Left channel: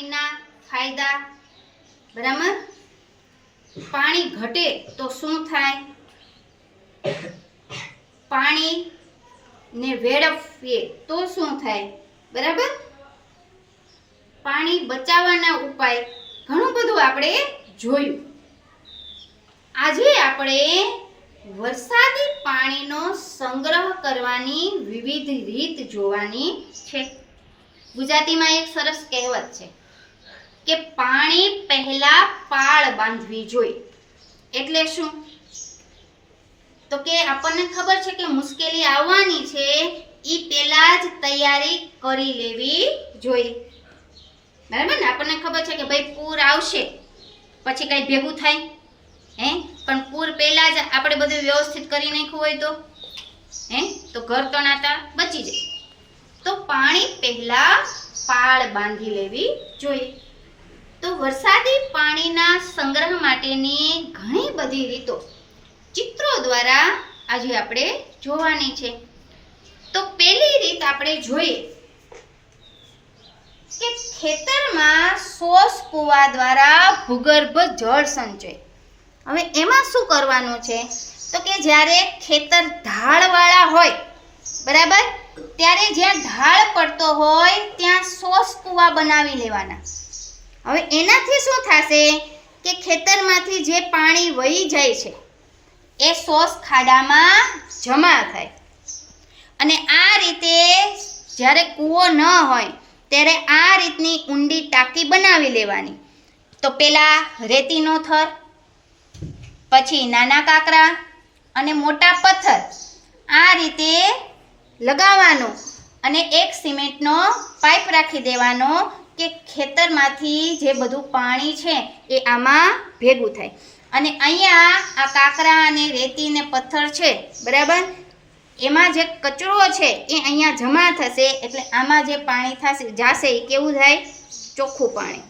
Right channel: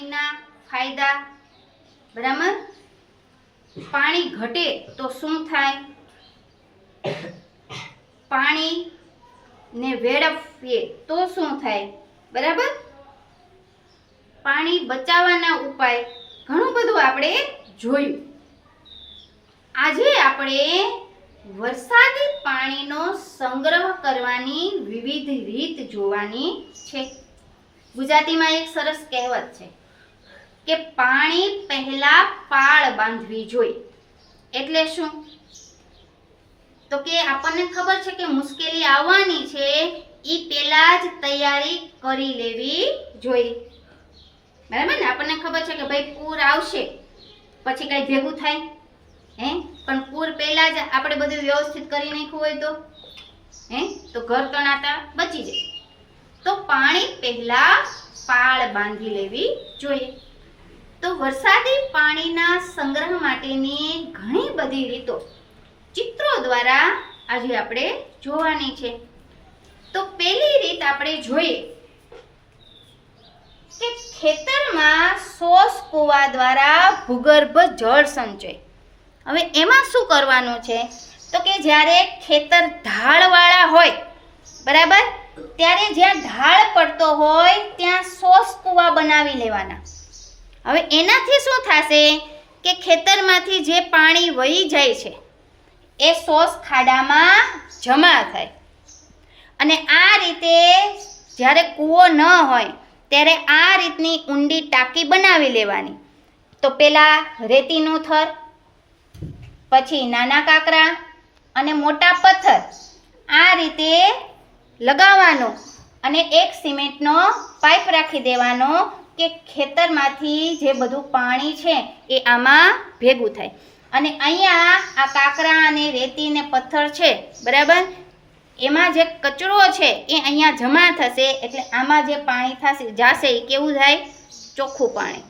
એના ફાયદા બરાબર. પાણી ઘટે તો શું થાય? પાણી ને વેડફીએ તો શું થાય? બરાબર. પાણી બચાવવાના ઉપાય ઘણું બધું આપણે જોયું. આજે આપણે વરસાદી પાણીનો સંગ્રહ કરવાની વિવિધ રીત જોવાની છે. ગુજરાતીમાં એક સરસ કહેવત છે કે પાણી પહેલા પાળ બાંધવી જોઈએ. એટલે શું? તો કે આપણને ખબર છે કે મુશ્કેલી આવવાની છે, ઈ પહેલા જ તૈયારી કરી લેવી જોઈએ. બરાબર ને? આપણને ખબર છે કે ભાઈ પૂર આવશે પછી કઈ ભેગું થાય પણ પૂર પહેલા જ આપણે બધું વ્યવસ્થિત કરી નાખ્યું હોય તો ઘર તણાતા બચી જાય. તો પાણી પહેલા પાળ બાંધી લેવી જોઈએ. તો વરસાદી પાણીના સંગ્રહ માટેની ઘણી બધી રીતો ચિત્રો દ્વારા આજે આપણે જોવાની છે. તો પહેલી રીત આપણે જોઈએ કે ખેતરમાં સોસ કુવા દ્વારા ભૂગર્ભ જળ સંચય. હવે એમાં શું કરવાનું છે? તો કે જ્યારે ખેતર ઢાળવાળા હોય, બરાબર, ત્યારે જ્યાં ઢાળ પડતો હોય ત્યાં સોસ કુવા બનાવી લેવાના. હવે એનાથી શું થશે કે ખેતરમાંથી જે પાણી વહી જાય છે એ સોસ ખાડામાં જમા થાય. અને આ રીતે જ્યારે કૂવો ન હોય ત્યારે આ રીતની ઊંડી ટાંકી બનાવી લેવાની. તો પેલા રેતીનો થર, પછી નાના કાંકરા અને મોટા પથ્થર આ રીતે લગાવવાનો અને એક સિમેન્ટનો પાઇપ રાખી દેવાનો કે ખેતરમાંથી જે બધું પાણી છે એ આમાં ભેગું થાય. અને અહીંયા આ કાંકરા અને રેતી ને પથ્થર છે, બરાબર, એમાં જે કચરો છે એ અહીંયા જમા થશે. એટલે આમાં જે પાણી થશે જાશે એ કેવું થાય? ચોખ્ખું પાણી.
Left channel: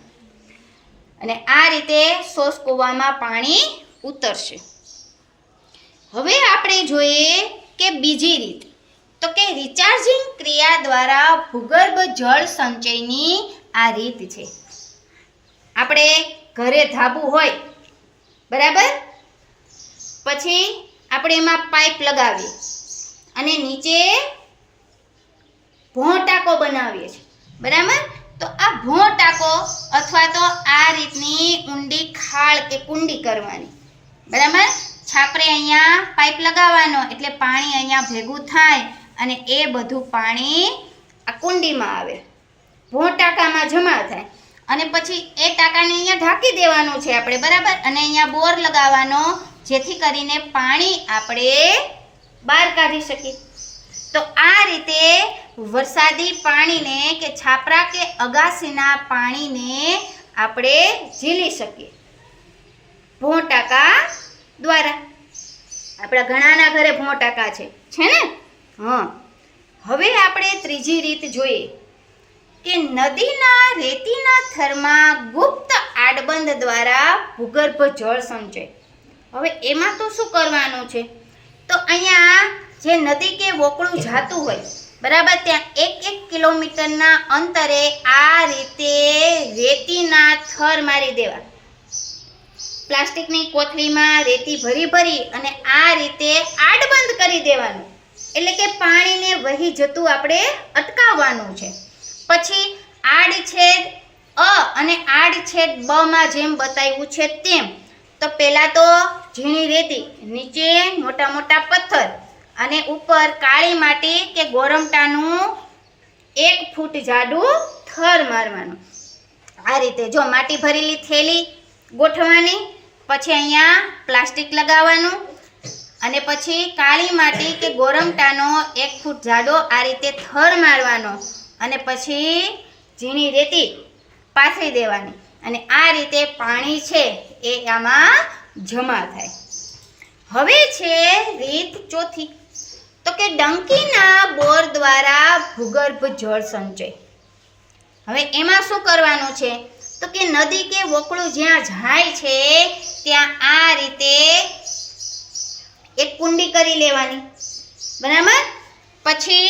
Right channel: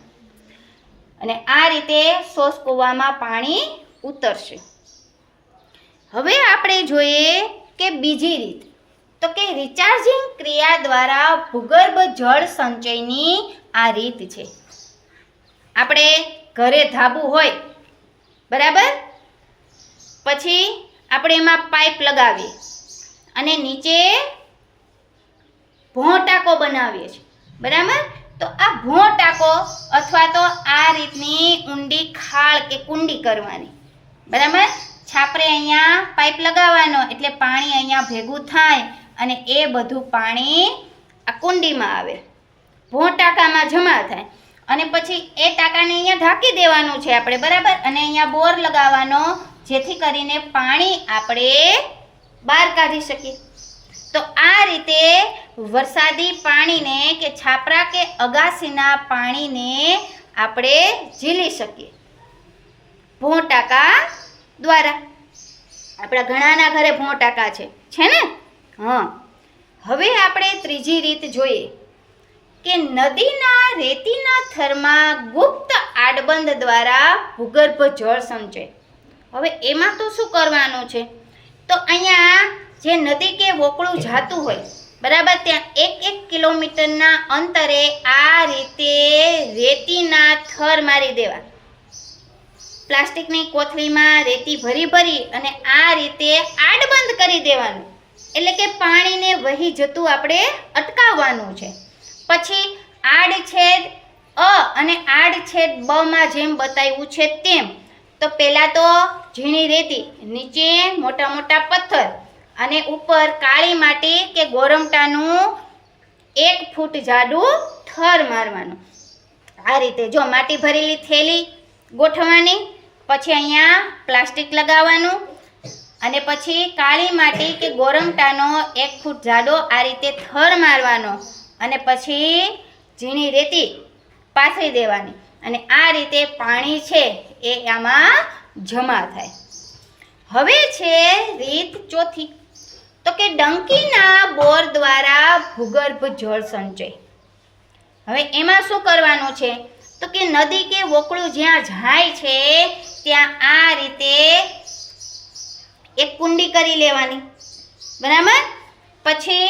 અને આ રીતે સોસ કૂવામાં પાણી ઉતરશે. હવે આપણે જોઈએ કે બીજી રીત, તો કે રિચાર્જિંગ ક્રિયા દ્વારા ભૂગર્ભ જળ સંચયની આ રીત છે. આપણે ઘરે ધાબુ હોય, બરાબર, પછી આપણે એમાં પાઇપ લગાવીએ અને નીચે ભોં ટાંકો બનાવીએ છીએ, બરાબર. તો આ ભોં ટાંકો અથવા તો આ રીતની ઊંડી ખાળ કે કુંડી કરવાની, બરાબર. છાપરે અહીંયા પાઇપ લગાવવાનો એટલે પાણી અહીંયા ભેગું થાય અને એ બધું પાણી આ કુંડીમાં આવે, ભોં ટાંકામાં જમા થાય. અને પછી એ ટાંકાને અહીંયા ઢાંકી દેવાનું છે આપણે, બરાબર. અને અહીંયા બોર લગાવવાનો જેથી કરીને પાણી આપણે બહાર કાઢી શકીએ. તો આ રીતે વરસાદી પાણીને કે છાપરા કે અગાસીના પાણીને આપણે ઝીલી શકીએ ભોં ટાંકા દ્વારા. આપણા ઘણાના ઘરે ભોં ટાંકા છે ને? હવે આપણે ત્રીજી રીત જોઈએ કે નદીના રેતીના થરમાં ગુપ્ત આડબંધ દ્વારા ભૂગર્ભ જળ સંચય. હવે એમાં તો શું કરવાનું છે? તો અહીંયા જે નદી કે વોકળું જાતું હોય, બરાબર, ત્યાં 1-1 કિલોમીટરના અંતરે આ રીતે રેતીના થર મારી દેવા. પ્લાસ્ટિકની કોથળીમાં રેતી ભરી અને આ રીતે આડબંધ કરી દેવાનું. એટલે કે પાણીને વહી જતું આપણે અટકાવવાનું છે. પછી આડછેદ અ અને આડછેદ બ માં જેમ બતાવ્યું છે તેમ, તો પહેલા તો ઝીણી રેતી, નીચે મોટા મોટા પથ્થર અને ઉપર કાળી માટી કે ગોરમટાનું 1 ફૂટ જાડું થર મારવાનું. આ રીતે જો માટી ભરેલી થેલી ગોઠવવાની, પછી અહીંયા પ્લાસ્ટિક લગાવવાનું અને પછી કાળી માટી કે ગોરમટાનો 1 ફૂટ જાડો આ રીતે થર મારવાનો અને પછી ઝીણી રેતી પાથરી દેવાની. અને આ રીતે પાણી છે એ આમાં જમા થાય. હવે છે રીત ચોથી, તો કે ડંકીના બોર દ્વારા ભૂગર્ભ જળ સંચય. હવે એમાં શું કરવાનું છે? તો કે નદી કે વોકળું જ્યાં જાય છે ત્યાં આ રીતે એક કુંડી કરી લેવાની, બરાબર. પછી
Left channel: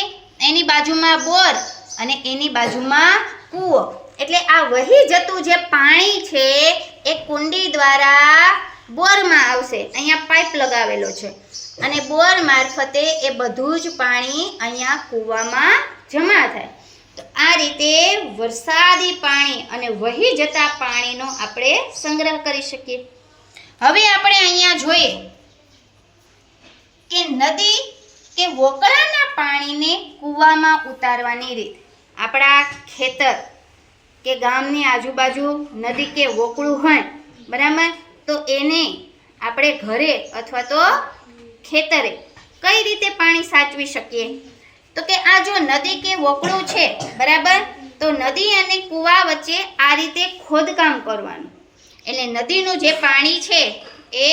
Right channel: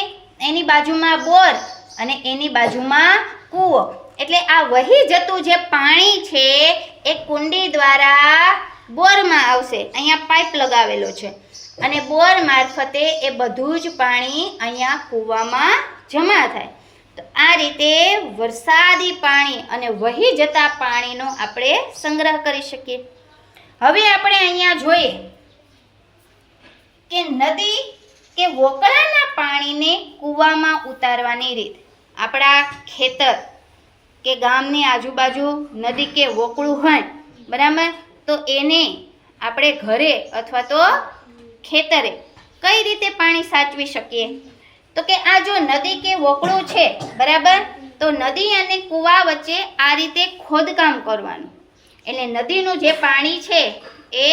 એની બાજુમાં બોર અને એની બાજુમાં કૂવો. એટલે આ વહી જતું જે પાણી છે એ કુંડી દ્વારા બોરમાં આવશે. અહીંયા પાઇપ લગાવેલો છે અને બોર મારફતે એ બધું જ પાણી અહીંયા કૂવામાં જમા થાય. તો આ રીતે વરસાદી પાણી અને વહી જતા પાણીનો આપણે સંગ્રહ કરી શકીએ. હવે આપણે અહીંયા જોઈએ કે નદી કે વોકળાના પાણીને કૂવામાં ઉતારવાની રીત. આપણા ખેતર કે ગામની આજુબાજુ નદી કે વોકળું હોય, બરાબર, તો એને આપણે ઘરે અથવા તો ખેતરે કઈ રીતે પાણી સાચવી શકીએ? તો કે આ જો નદી કે વોકળું છે, બરાબર, તો નદી અને કૂવા વચ્ચે આ રીતે ખોદકામ કરવાનું. એટલે નદીનું જે પાણી છે એ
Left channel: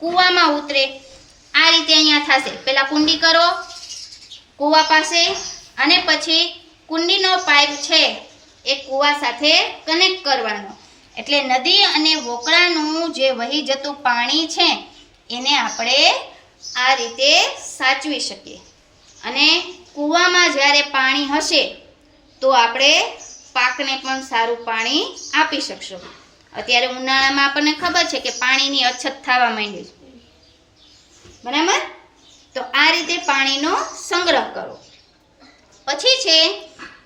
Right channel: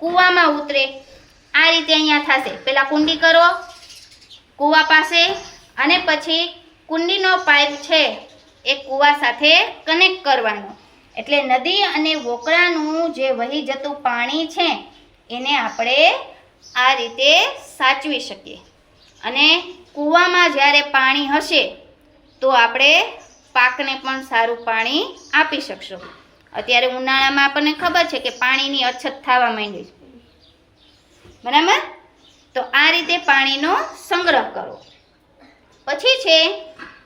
કૂવામાં ઉતરે. આ રીતે અહીંયા થશે. પહેલા કુંડી કરો કૂવા પાસે અને પછી કુંડીનો પાઇપ છે એ કૂવા સાથે કનેક્ટ કરવાનો. એટલે નદી અને વોકળાનું જે વહી જતું પાણી છે એને આપણે આ રીતે સાચવી શકીએ. અને કૂવામાં જ્યારે પાણી હશે તો આપણે પાકને પણ સારું પાણી આપી શકશું. અત્યારે ઉનાળામાં આપણને ખબર છે કે પાણીની અછત થવા માંડી છે, બરાબર. તો આ રીતે પાણીનો સંગ્રહ કરો. પછી છે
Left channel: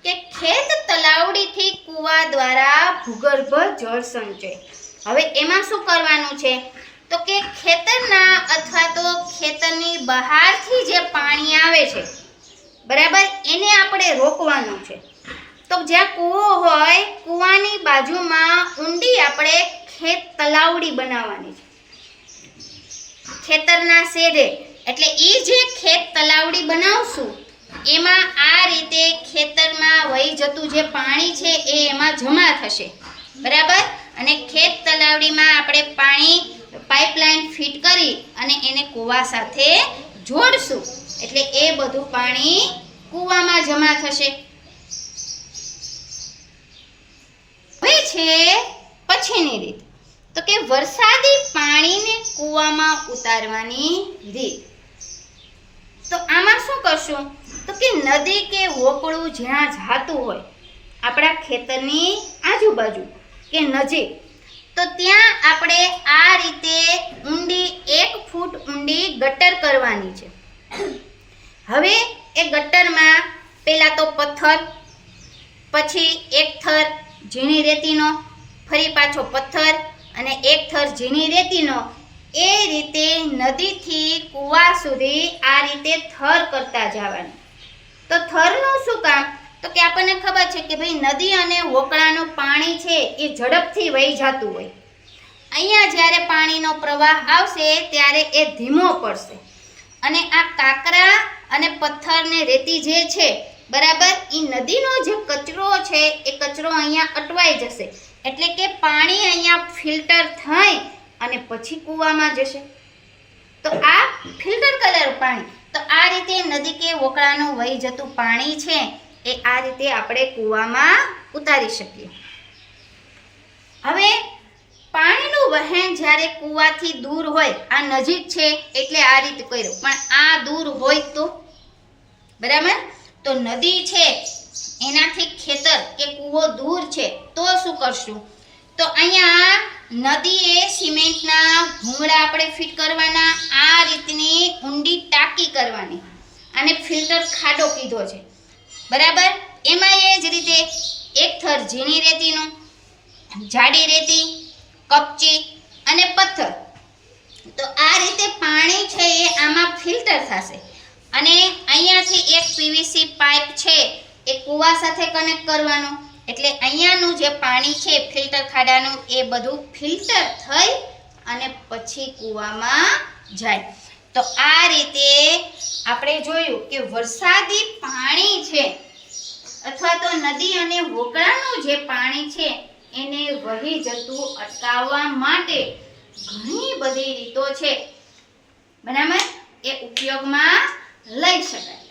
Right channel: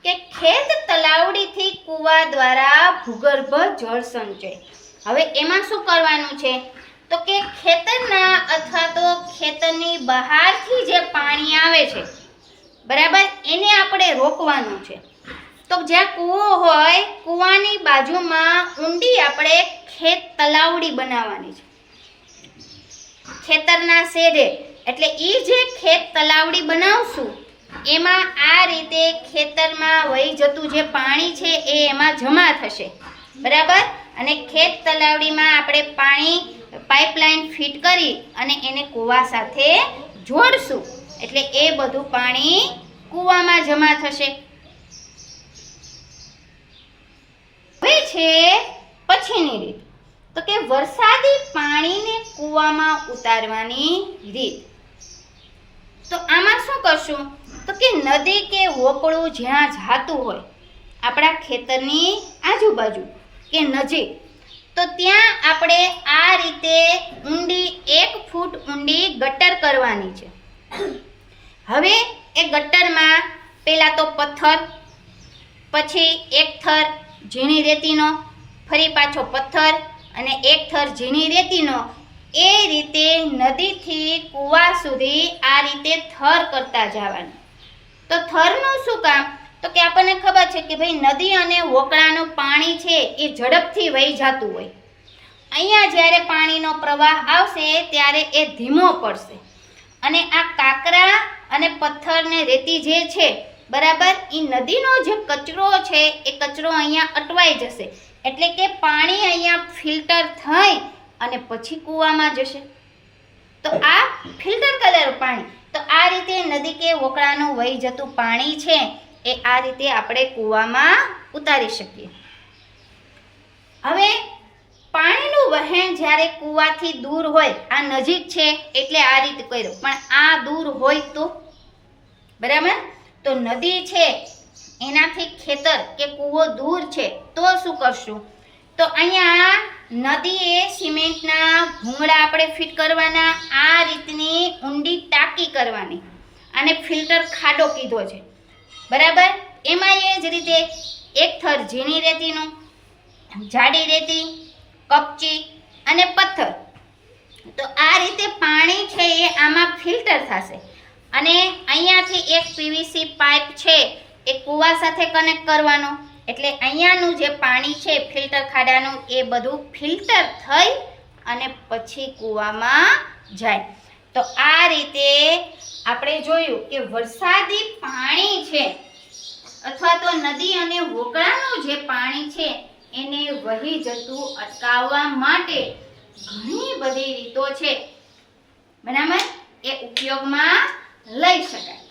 કે ખેત તલાવડીથી કૂવા દ્વારા ભૂગર્ભ જળ સંચય. હવે એમાં શું કરવાનું છે? તો કે ખેતરના અથવા તો ખેતરની બહારથી જે પાણી આવે છે, બરાબર, એને આપણે રોકવાનું છે. તો જ્યાં કૂવો હોય કૂવાની બાજુમાં ઊંડી આપણે ખેત તલાવડી બનાવવાની છે ખેતરના શેઢે. એટલે એ જે ખેત તલાવડી બનાવશું એમાં આ રીતે ખેતરમાં વહી જતું જે પાણી છે એ એમાં જમા થશે, બરાબર. અને ખેત તલાવડીમાં આપણે પાણી પાઇપલાઇન ફિટ કરી અને એને કૂવા સાથે જોડશું. એટલે એ બધું પાણી કૂવામાં જમા થશે. હવે છે પછીની રીત, તો કે વરસાદી પાણીને કૂવામાં ઉતારવાની રીત. તો આમાં શું કરશું? તો કે નદી કે વોકળું જ્યાં જાતું હોય આપણા ખેતરની આજુબાજુ કે નજીક, તો ત્યાં આપણે આ રીતે ઊંડી 1 ફૂટ ઊંડી ગટર કરવાની છે. હવે એ ગટરમાં પહેલા તો પથ્થર, પછી એક થર ઝીણી રેતીનો, ફરી પાછો પથ્થર અને એક થર ઝીણી રેતીનો, એ રીતે નદીથી કૂવા સુધી આ રીતે થર કરતા જવાનું. તો થરનું શું કામ? તો કે આપણને ખબર છે કે ભાઈ નદી અને વોકળાનું પાણી છે એ ઝડપથી વહી જતું હોય. અહીંયા જ્યારે પાણીનો પ્રવાહ આવશે ત્યારે એ ધીમો પડશે અને આ કાંકરા અને પથ્થર ને રેતી જે છે, બરાબર, એ નદીનો જે કચરો છે એ કચરો અહીંયા અટવાઈ જશે. એટલે કે પાણી અહીંયા ફિલ્ટર થઈ અને પછી કૂવામાં જશે. તો આ ફિલ્ટર કરેલું પાણી, તો આ રીતે નદી કે વોકળાનું વહી જતું પાણી છે એ આ રીતે આપણે કૂવામાં ઉતારી શકીએ. હવે પાણીનું વહેણ જ્યારે કૂવાથી દૂર હોય, આ નજીક છે એટલે આ રીતે કર્યું, પણ આ દૂર હોય તો, બરાબર, તો નદી છે એનાથી ખેતર કે કૂવો દૂર છે તો શું કરશું? તો અહીંયા નદીએ સિમેન્ટના ભૂંગળા આપણે ફિટ કરવાના. આ રીતની ઊંડી ટાંકી કરવાની. આને ફિલ્ટર ખાડો કીધો છે, બરાબર. એમાં એ જ રીતે એક થર ઝીણી રેતીનું, જાડી રેતી, કપચી અને પથ્થર. તો આ રીતે પાણી છે એ આમાં ફિલ્ટર થશે. અને અહીંયાથી એક પીવીસી પાઇપ છે એ કૂવા સાથે કનેક્ટ કરવાનો. એટલે અહીંયાનું જે પાણી છે ફિલ્ટર ખાડાનું એ બધું ફિલ્ટર થઈ અને પછી કૂવામાં જાય. તો આ રીતે આપણે જોયું કે વરસાદી પાણી છે અથવા તો નદી અને વોકળાનું જે પાણી છે એને વહી જતું અટકાવવા માટે ઘણી બધી રીતો છે, બરાબર, એ ઉપયોગમાં લઈ શકાય.